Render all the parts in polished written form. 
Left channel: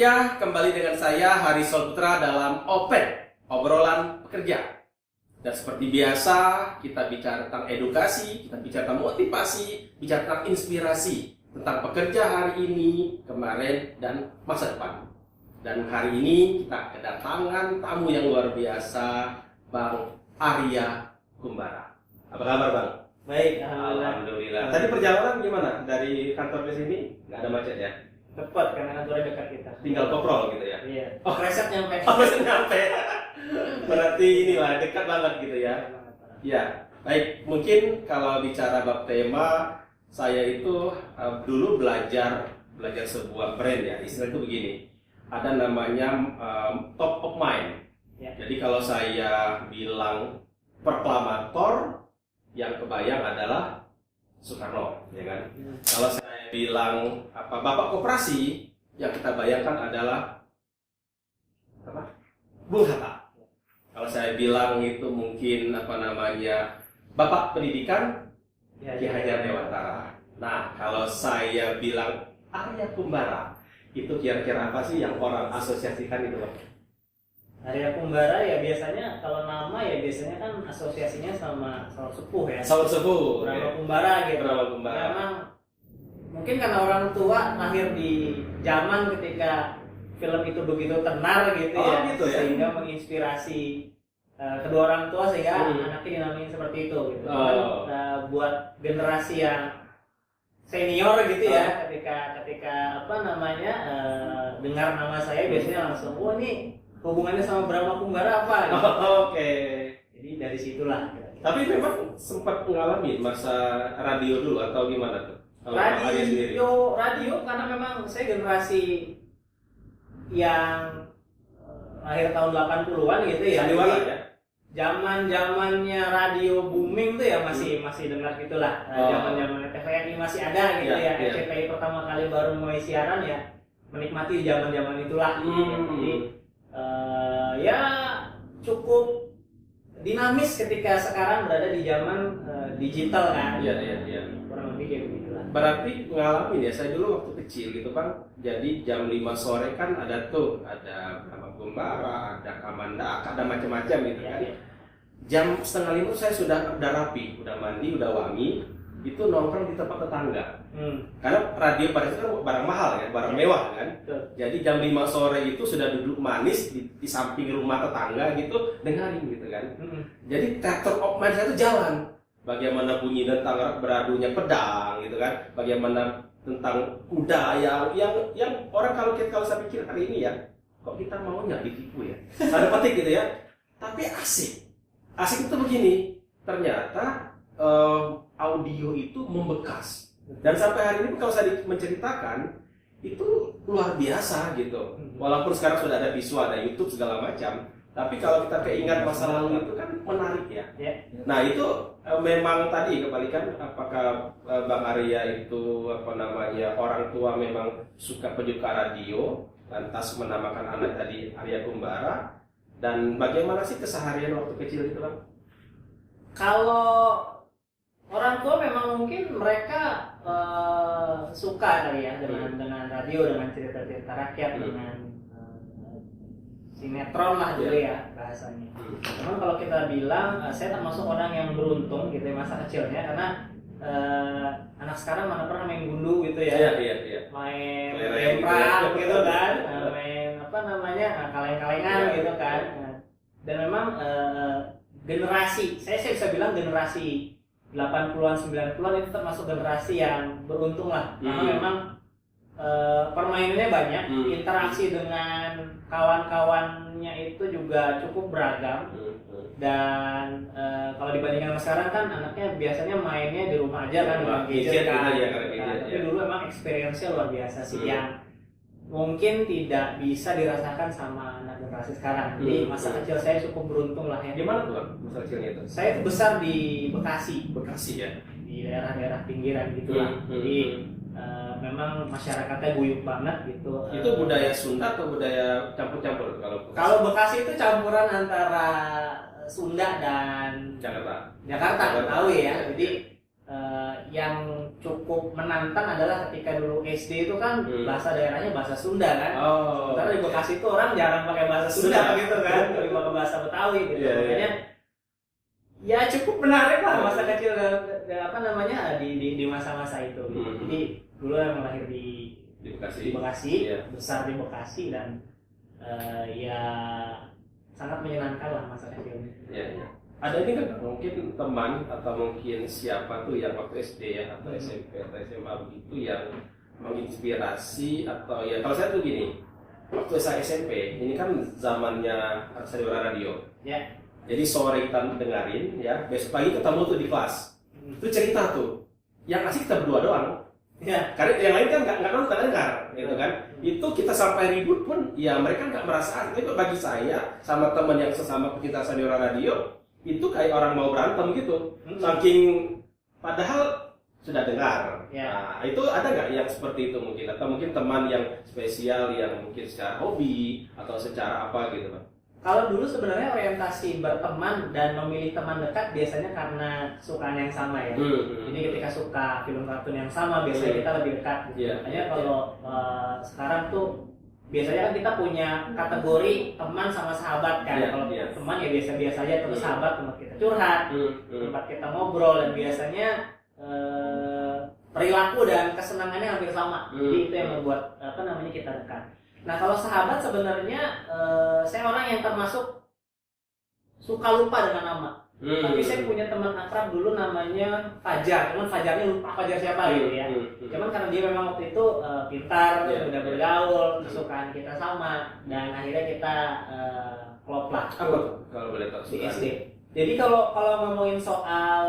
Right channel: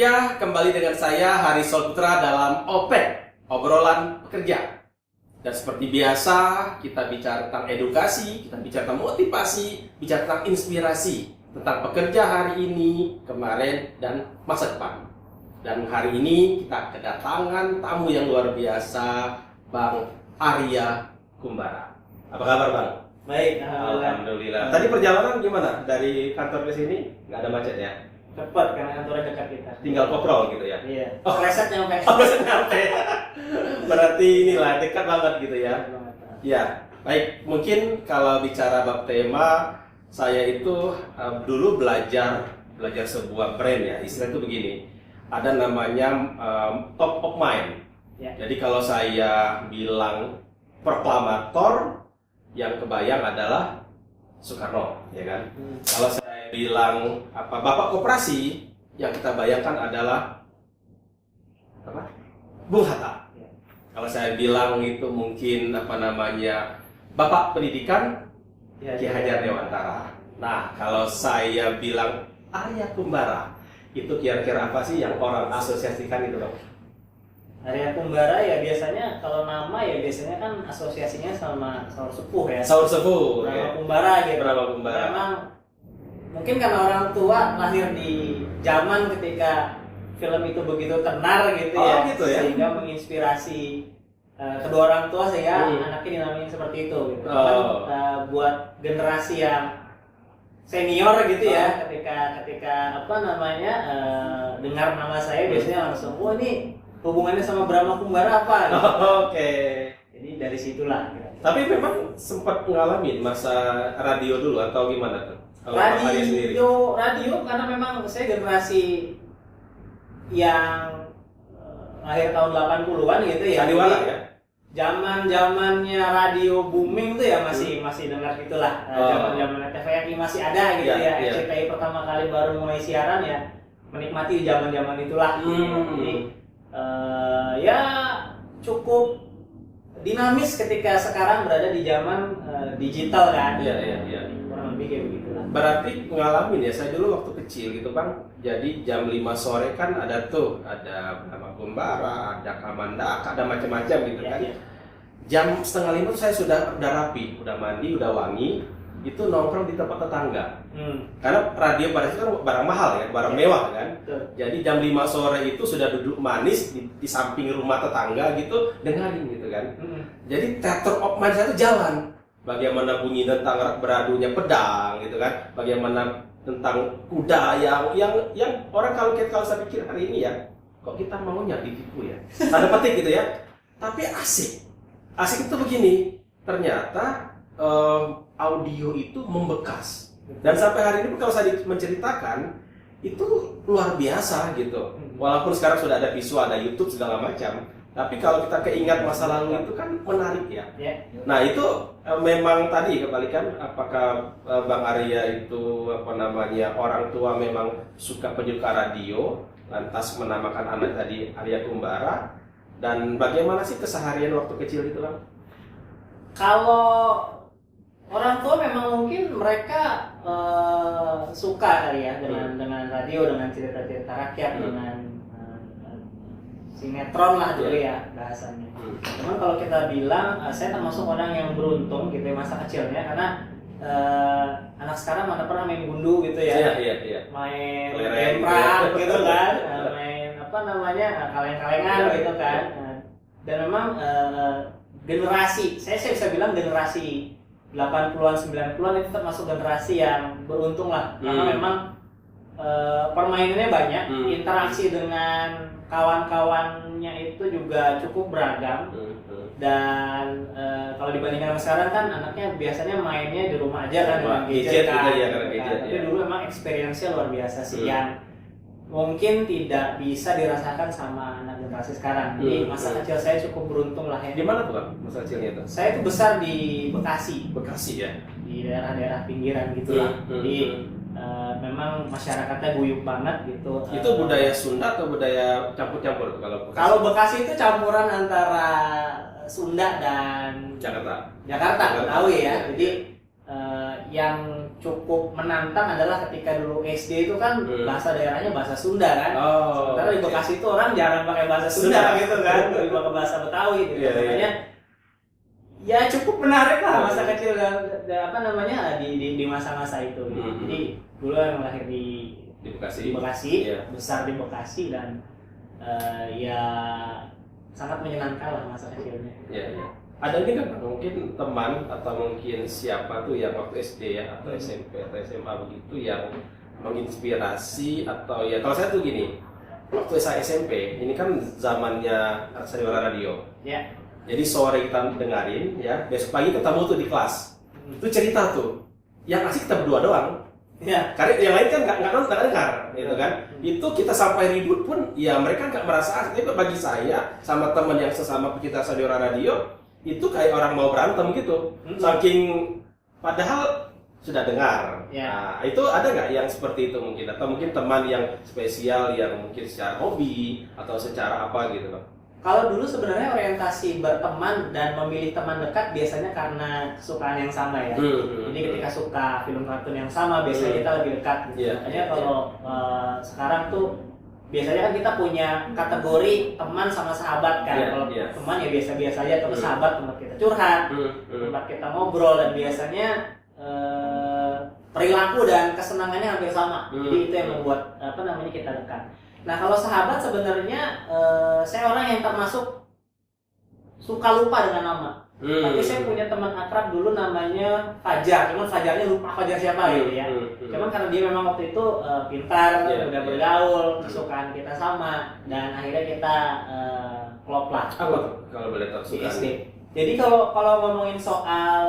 Pekerja, kembali dengan saya Hari Solputra dalam OPED, obrolan pekerja. Dan seperti biasa, kita bicara tentang edukasi, kita bicara tentang motivasi, bicara tentang inspirasi, tentang pekerja hari ini, kemarin, dan masa depan. Dan hari ini kita kedatangan tamu yang luar biasa, Bang Arya Kumbara. Apa kabar, Bang? Baik, Alhamdulillah. Tadi perjalanan gimana? Dari kantor ke sini? Nggak ada macet ya? cepat karena kantornya dekat kita. Tinggal koprol gitu ya? Iya. Oh, Preset nyampe. Nyampe. Berarti inilah dekat banget gitu ya. Ya, baik. Mungkin kalau bicara bab tema, saya itu dulu belajar sebuah brand ya. Istilah itu begini. Ada namanya top of mind. Ya. Jadi kalau saya bilang proklamator, yang kebayang adalah Soekarno, ya kan? Kalau saya bilang Bapak Koperasi, yang kita bayangkan adalah Bung Hatta. Kalau saya bilang itu mungkin Bapak Pendidikan, Ki Hajar Dewantara. Nah, kalau saya bilang Arya Kumbara, itu kira-kira apa sih yang orang asosiasikan itu, Bang? Arya Kumbara ya biasanya kalau nama ya biasanya kan asosiasinya sama saur sepuh ya. Saur sepuh. Nama Kumbara gitu. Nama Kumbara. Memang mungkin karena orang tua lahir di zaman ketika film itu begitu tenar gitu gitu ya. Sehingga menginspirasi kedua orang tua sehingga anaknya dinamain seperti itu gitu. Buat generasi yang senior gitu ya, ketika dengar nama saya biasanya langsung, oh ini hubungannya sama Brahma Kumbara apa? Gitu. Oke. Jadi dari situlah. Tapi memang sempat ngalamin masa radio dulu atau gimana tuh? Kalau Arya sendiri? Radio karena memang saya generasi yang lahir tahun 80-an gitu ya. Sandiwara ya? Zaman-zamannya radio booming tuh ya masih dengar gitulah. Zaman-zamannya TVRI masih ada gitu ya. RCTI pertama kali baru mulai siaran ya, menikmati zaman-zaman itulah. Jadi ya cukup dinamis ketika sekarang berada di zaman digital kan. Iya. Kurang lebih kayak begitulah. Berarti ngalamin ya, saya dulu waktu kecil gitu Bang. Jadi jam 5 sore kan ada Brahma Kumbara, ada Kamandaka, ada macam-macam gitu kan. Iya. Jam setengah 5 saya sudah rapi, udah mandi, udah wangi, itu nongkrong di tempat tetangga. Karena radio pada itu kan barang mahal ya, barang mewah kan. Betul. Jadi jam 5 sore itu sudah duduk manis di samping rumah tetangga gitu, dengarin gitu kan. Jadi theater of mind saya itu jalan. Bagaimana bunyi tentang beradunya pedang gitu kan. Bagaimana tentang kuda yang orang kalau saya pikir hari ini ya, kok kita maunya ditipu ya. Tanda petik gitu ya. Tapi asik. Asik itu begini. Ternyata audio itu membekas. Dan sampai hari ini kalau saya menceritakan itu luar biasa gitu. Walaupun sekarang sudah ada visual, ada YouTube segala macam, tapi kalau kita keingat masa lalu itu kan menarik ya. Nah itu memang tadi kebalikan, apakah Bang Arya itu orang tua memang suka penyuka radio, lantas menamakan anak tadi Arya Kumbara, dan bagaimana sih keseharian waktu kecil itu Bang? Kalau orang tua memang mungkin mereka suka kali ya dengan radio, dengan cerita-cerita rakyat, dengan sinetron lah dulu ya bahasannya. Cuman kalau kita bilang, saya termasuk orang yang beruntung gitu ya masa kecilnya, karena anak sekarang mana pernah main gundu gitu ya. Iya. Main Kelereng gitu kan, main kaleng-kalengan gitu kan. Dan memang generasi, saya bisa bilang generasi 80-an, 90-an itu termasuk generasi yang beruntung lah. Karena memang permainannya banyak, interaksi dengan kawan-kawannya itu juga cukup beragam. Dan kalau dibandingkan sama sekarang kan anaknya biasanya mainnya di rumah aja kan, dengan gadget kan. Tapi dulu emang experience-nya luar biasa sih, yang mungkin tidak bisa dirasakan sama anak generasi sekarang. Jadi masa kecil saya cukup beruntung lah ya. Di mana tuh Bang masa kecilnya itu? Saya itu besar di Bekasi. Bekasi ya? Di daerah-daerah pinggiran gitu lah. Jadi memang masyarakatnya guyup banget gitu. Itu budaya Sunda atau budaya campur-campur tuh kalau Bekasi? Kalau Bekasi itu campuran antara Sunda dan Jakarta. Tahu ya. Jadi yang cukup menantang adalah ketika dulu SD itu kan bahasa daerahnya bahasa Sunda kan. Sementara di Bekasi itu orang jarang pakai bahasa Sunda gitu kan, lebih pakai bahasa Betawi gitu. Makanya ya cukup menarik lah masa kecil di masa-masa itu. Jadi dulu yang lahir di Bekasi, besar di Bekasi dan ya sangat menyenangkan lah masa kecilnya. Ada ini kan mungkin teman atau mungkin siapa tuh yang waktu SD ya atau SMP atau SMA begitu yang menginspirasi atau ya kalau saya tuh gini, waktu saya SMP ini kan zamannya Sandiwara Radio. Jadi sore kita dengerin ya, besok pagi ketemu tuh di kelas. Itu cerita tuh, yang asik kita berdua doang. Karena yang lain kan nggak nonton, nggak dengar, gitu kan. Itu kita sampai ribut pun, ya mereka nggak merasa asik. Tapi bagi saya sama teman yang sesama pecinta Sandiwara Radio itu kayak orang mau berantem gitu, saking padahal sudah dengar. Nah, itu ada nggak yang seperti itu mungkin, atau mungkin teman yang spesial yang mungkin secara hobi atau secara apa gitu, Bang? Kalau dulu sebenarnya orientasi berteman dan memilih teman dekat biasanya karena kesukaan yang sama ya. Jadi ketika suka film kartun yang sama biasanya kita lebih dekat. Makanya kalau sekarang tuh biasanya kan kita punya kategori teman sama sahabat kan. Kalau teman ya biasa-biasa aja, atau sahabat tempat kita curhat, tempat kita ngobrol, dan biasanya perilaku dan kesenangannya hampir sama. Jadi itu yang membuat kita dekat. Nah kalau sahabat sebenarnya saya orang yang termasuk suka lupa dengan nama. Tapi saya punya teman akrab dulu namanya Fajar, cuman Fajarnya lupa Fajar siapa gitu ya. Cuman karena dia memang waktu itu pintar, mudah bergaul, kesukaan kita sama, dan akhirnya kita klop lah. Apa tuh kalau boleh tahu kesukaan? Jadi kalau ngomongin soal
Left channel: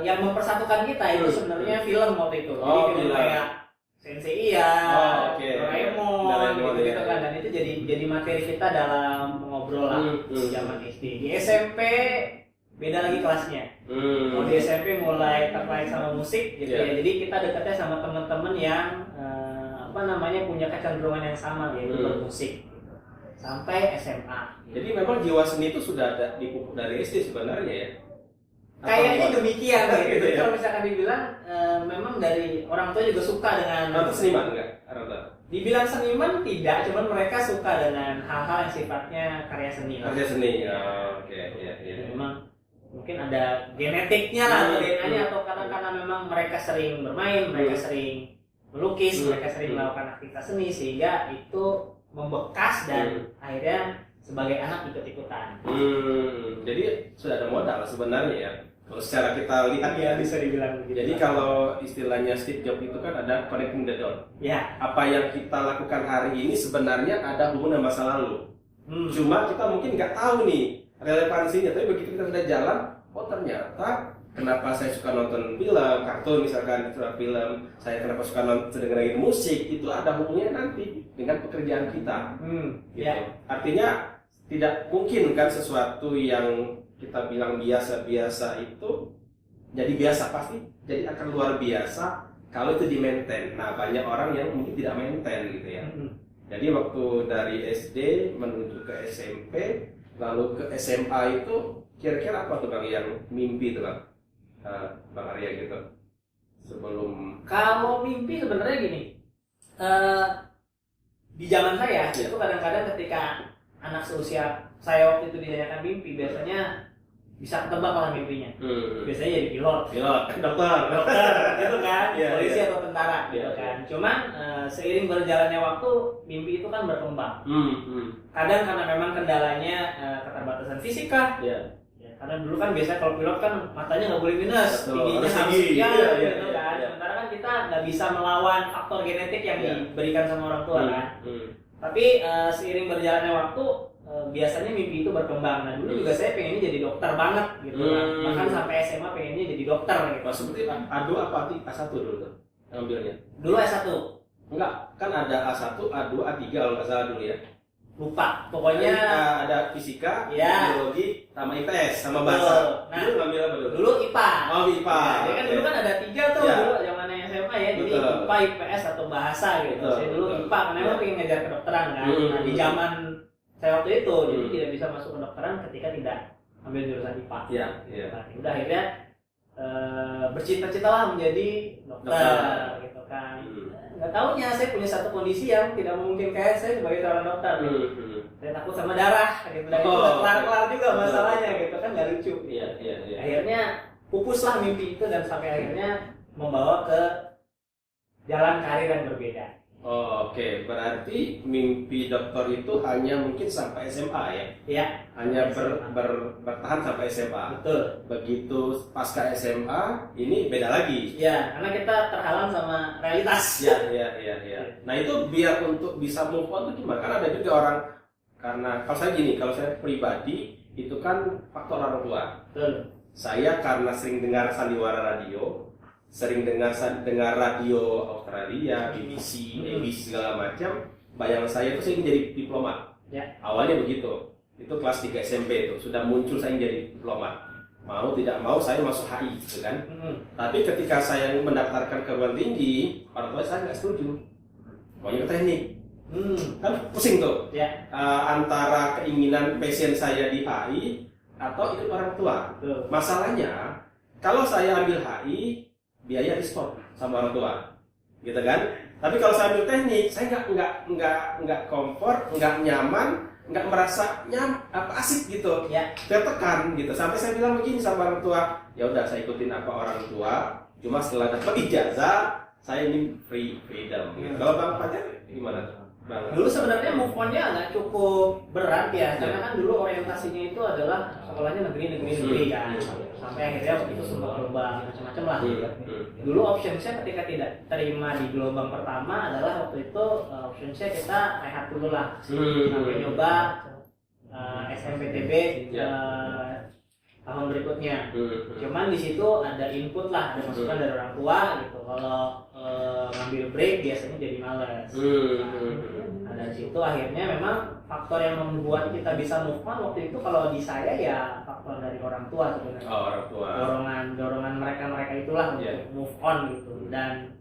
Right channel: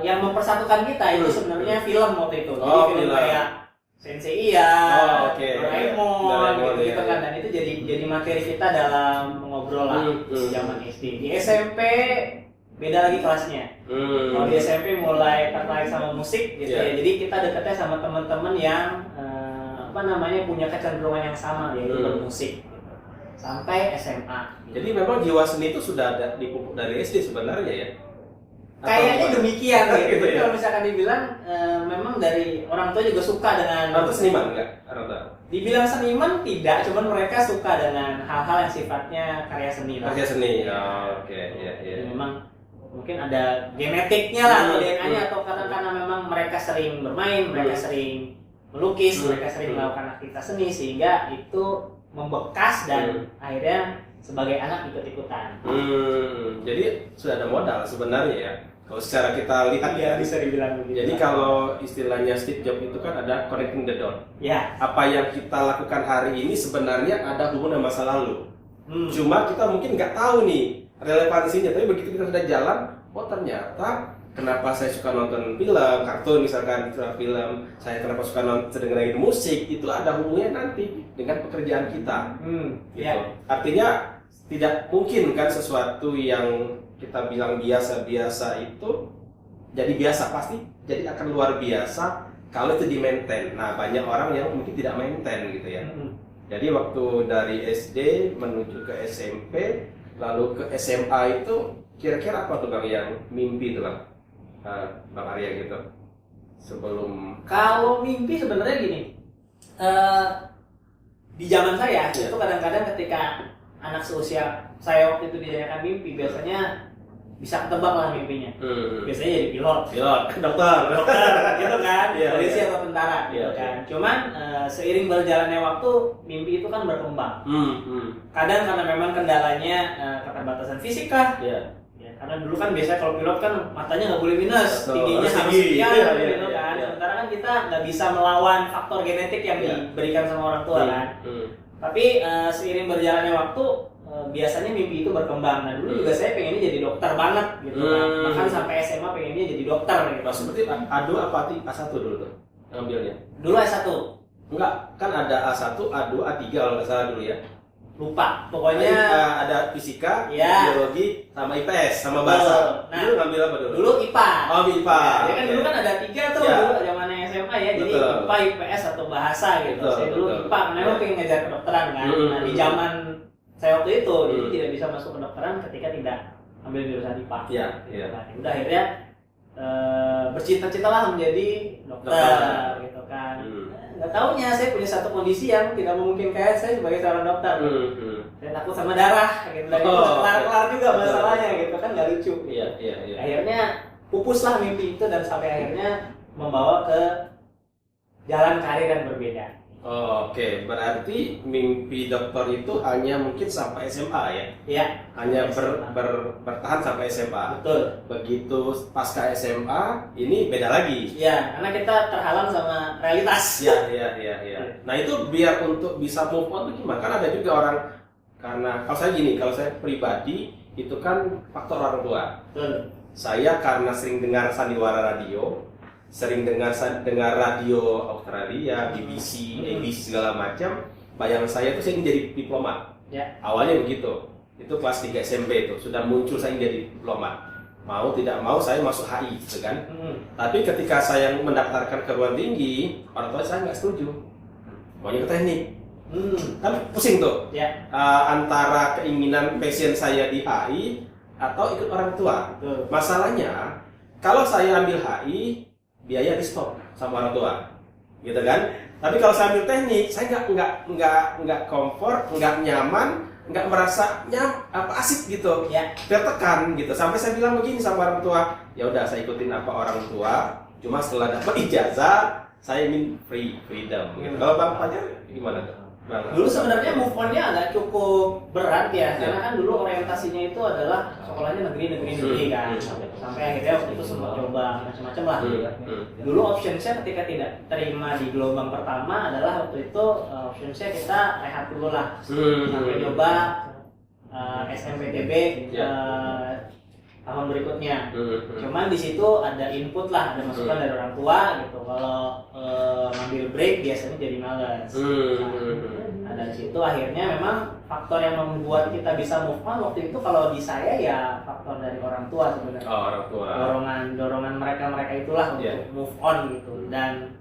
yang mempersatukan kita itu sebenarnya film waktu itu. Jadi film kayak Sensei Doraemon gitu kan, dan itu jadi materi kita dalam ngobrol lah zaman SD. Di SMP beda lagi kelasnya. Kalau di SMP mulai tertarik sama musik gitu ya. Jadi kita dekatnya sama teman-teman yang punya kecenderungan yang sama yaitu bermusik. Sampai SMA. Jadi memang jiwa seni itu sudah ada dipupuk dari SD sebenarnya ya. Kayaknya demikian gitu. Ya? Kalau misalkan dibilang memang dari orang tua juga suka dengan. Orang tua seniman enggak? Orang tua. Dibilang seniman tidak, cuman mereka suka dengan hal-hal yang sifatnya karya seni. Karya seni. Oke. Memang mungkin ada genetiknya lah atau DNA-nya, atau karena memang mereka sering bermain, mereka sering melukis, mereka sering melakukan aktivitas seni sehingga itu membekas dan akhirnya sebagai anak ikut-ikutan. Jadi sudah ada modal sebenarnya ya. Kalau secara kita lihat ya bisa dibilang begitu. Jadi kalau istilahnya Steve Jobs itu kan ada connecting the dot. Apa yang kita lakukan hari ini sebenarnya ada hubungan dengan masa lalu. Cuma kita mungkin nggak tahu nih relevansinya. Tapi begitu kita sudah jalan, oh ternyata kenapa saya suka nonton film, kartun misalkan, film, saya kenapa suka dengerin musik, itu ada hubungannya nanti dengan pekerjaan kita. Gitu. Artinya tidak mungkin kan sesuatu yang kita bilang biasa-biasa itu jadi biasa, pasti jadi akan luar biasa kalau itu di maintain. Nah banyak orang yang mungkin tidak maintain gitu ya. Jadi waktu dari SD menuju ke SMP lalu ke SMA itu kira-kira apa tuh Bang yang mimpi tuh Bang Arya gitu sebelum. Kalau mimpi sebenarnya gini, di zaman saya itu kadang-kadang ketika anak seusia saya waktu itu ditanyakan mimpi, biasanya bisa ketebak lah mimpinya. Biasanya jadi pilot, dokter gitu kan, polisi atau tentara gitu kan. Cuman seiring berjalannya waktu mimpi itu kan berkembang. Kadang karena memang kendalanya keterbatasan fisik kah. Karena dulu kan biasanya kalau pilot kan matanya nggak boleh minus, tingginya harus sekian gitu kan. Sementara kan kita nggak bisa melawan faktor genetik yang diberikan sama orang tua kan. Tapi seiring berjalannya waktu biasanya mimpi itu berkembang. Nah dulu juga saya pengennya jadi dokter banget gitu kan. Bahkan sampai SMA pengennya jadi dokter gitu. Seperti A2 apa A1 dulu tuh yang ambilnya? Dulu A1. Enggak, kan ada A1, A2, A3 kalau nggak salah dulu ya. Lupa, pokoknya ada fisika, biologi, sama IPS, sama bahasa. Nah, dulu ngambil apa dulu? Dulu IPA. Oh, IPA. Ya kan dulu kan ada 3 tuh dulu zamannya SMA ya. Jadi IPA, IPS atau bahasa gitu. Saya dulu IPA karena emang pengen ngejar kedokteran kan. Nah, di zaman saya waktu itu jadi tidak bisa masuk kedokteran ketika tidak ambil jurusan IPA. Nah, udah akhirnya bercita-citalah menjadi dokter gitu kan. Nggak taunya saya punya satu kondisi yang tidak memungkinkan saya sebagai seorang dokter. Saya takut sama darah gitu. Dan itu kelar-kelar juga masalahnya gitu kan, nggak lucu. Iya. Akhirnya pupuslah mimpi itu dan sampai akhirnya membawa ke jalan karir yang berbeda. Oke, berarti mimpi dokter itu hanya mungkin sampai SMA ya? Iya. Hanya bertahan sampai SMA. Betul. Begitu pasca SMA, ini beda lagi. Iya, karena kita terhalang sama realitas. Iya. Nah itu biar untuk bisa move on itu gimana? Kan ada juga orang, karena kalau saya pribadi itu kan faktor orang tua. Betul. Saya karena sering dengar sandiwara radio, sering dengar radio Australia, BBC, ABC segala macam. Bayangan saya itu saya ingin jadi diplomat. Ya. Awalnya begitu. Itu kelas 3 SMP itu sudah muncul saya ingin jadi diplomat. Mau tidak mau saya masuk HI gitu kan. Tapi ketika saya mendaftarkan ke perguruan tinggi, orang tua saya nggak setuju. Maunya ke teknik. Kan pusing tuh. Ya. Antara keinginan passion saya di HI atau ikut orang tua. Betul. Masalahnya kalau saya ambil HI, biaya di stop sama orang tua, gitu kan? Tapi kalau saya ambil teknik, saya nggak comfort, nggak nyaman, nggak merasa asik gitu, tertekan gitu. Sampai saya bilang begini sama orang tua, ya udah saya ikutin apa orang tua. Cuma setelah dapat ijazah, saya ingin freedom. Gitu. Kalau Bang Fajar gimana tuh? Dulu sebenarnya move on-nya agak cukup berat ya, karena kan dulu orientasinya itu adalah sekolahnya negeri kan. Sampai akhirnya waktu itu sempat coba macam-macam lah. Dulu option-nya ketika tidak terima di gelombang pertama adalah waktu itu option-nya kita rehat dulu lah. Sampai coba SNMPTB tahun berikutnya. Cuman di situ ada input lah, ada masukan dari orang tua gitu. Kalau ngambil break biasanya jadi malas. Nah, dari situ akhirnya memang faktor yang membuat kita bisa move on waktu itu kalau di saya ya faktor dari orang tua sebenarnya. Orang tua. Dorongan mereka itulah untuk move on gitu. Dan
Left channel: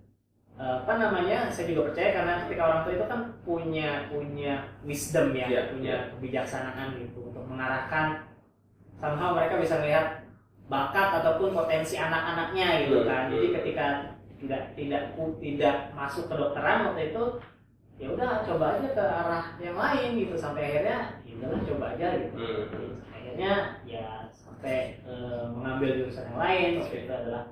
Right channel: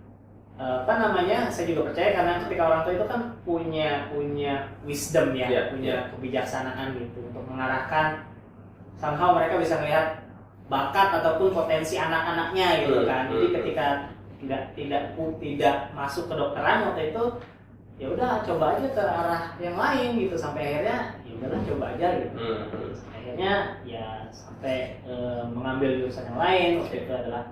saya juga percaya karena ketika orang tua itu kan punya wisdom punya kebijaksanaan gitu untuk mengarahkan. Somehow mereka bisa melihat bakat ataupun potensi anak-anaknya gitu kan. Jadi ketika tidak masuk ke dokteran waktu itu, ya udah coba aja ke arah yang lain gitu sampai akhirnya ya udahlah coba aja gitu. Akhirnya ya sampai mengambil jurusan yang lain waktu itu adalah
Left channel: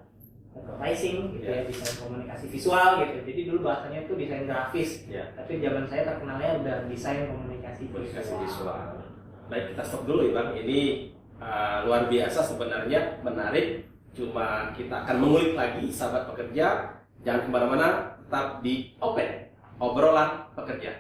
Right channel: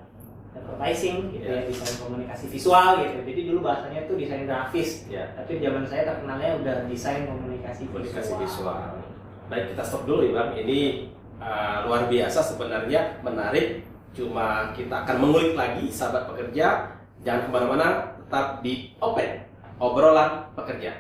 advertising gitu ya, desain komunikasi visual gitu. Jadi dulu bahasanya itu desain grafis. Tapi zaman saya terkenalnya udah desain komunikasi visual. Baik, kita stop dulu ya Bang. Ini luar biasa sebenarnya, menarik. Cuma kita akan mengulik lagi sahabat pekerja. Jangan kemana-mana, tetap di Open Obrolan Pekerja.